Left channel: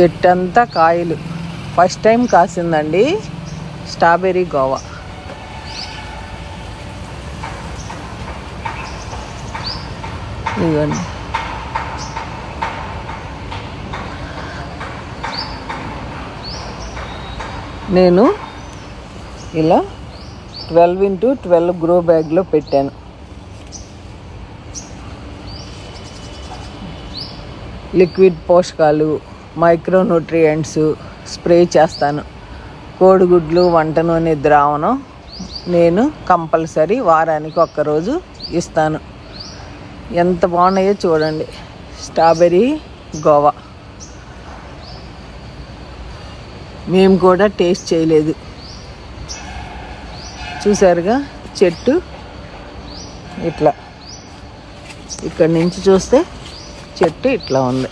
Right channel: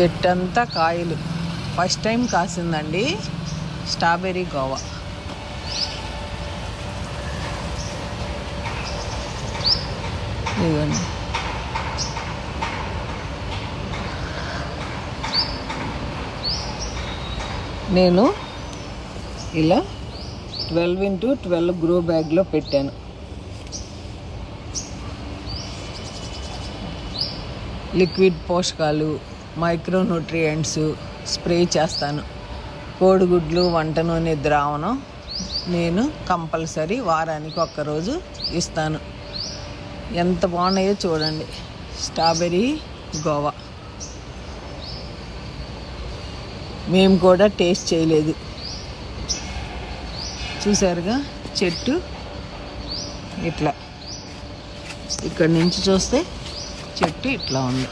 చెట్టు అంతా కాయలు. ఫస్ట్ టైం కాసిందండి స్ట్రాబెర్రీ గోవా. ఇదిగోండి. నేను ఇలా 12x12 గ్రో బ్యాగ్లో పెట్టాను. లిక్విడ్ పోషకాలు, మైక్రోన్యూట్రియంట్స్ స్ప్రే చేస్తాను. కోడిగుడ్లు, వంట నూనె ద్రావణం నేను కంపల్సరీ వారానికి ఒక్కరోజు ఇస్తాను. ఎంత బాగున్నాయో చూడండి. స్ట్రాబెర్రీ గోవా మేము కూడా టేస్ట్ చేయలేదు. చూసారుగా చెట్టు ఇట్లా, ఇక్కడి నుంచి చూస్తే చెట్టు ఇట్లా ఉంది.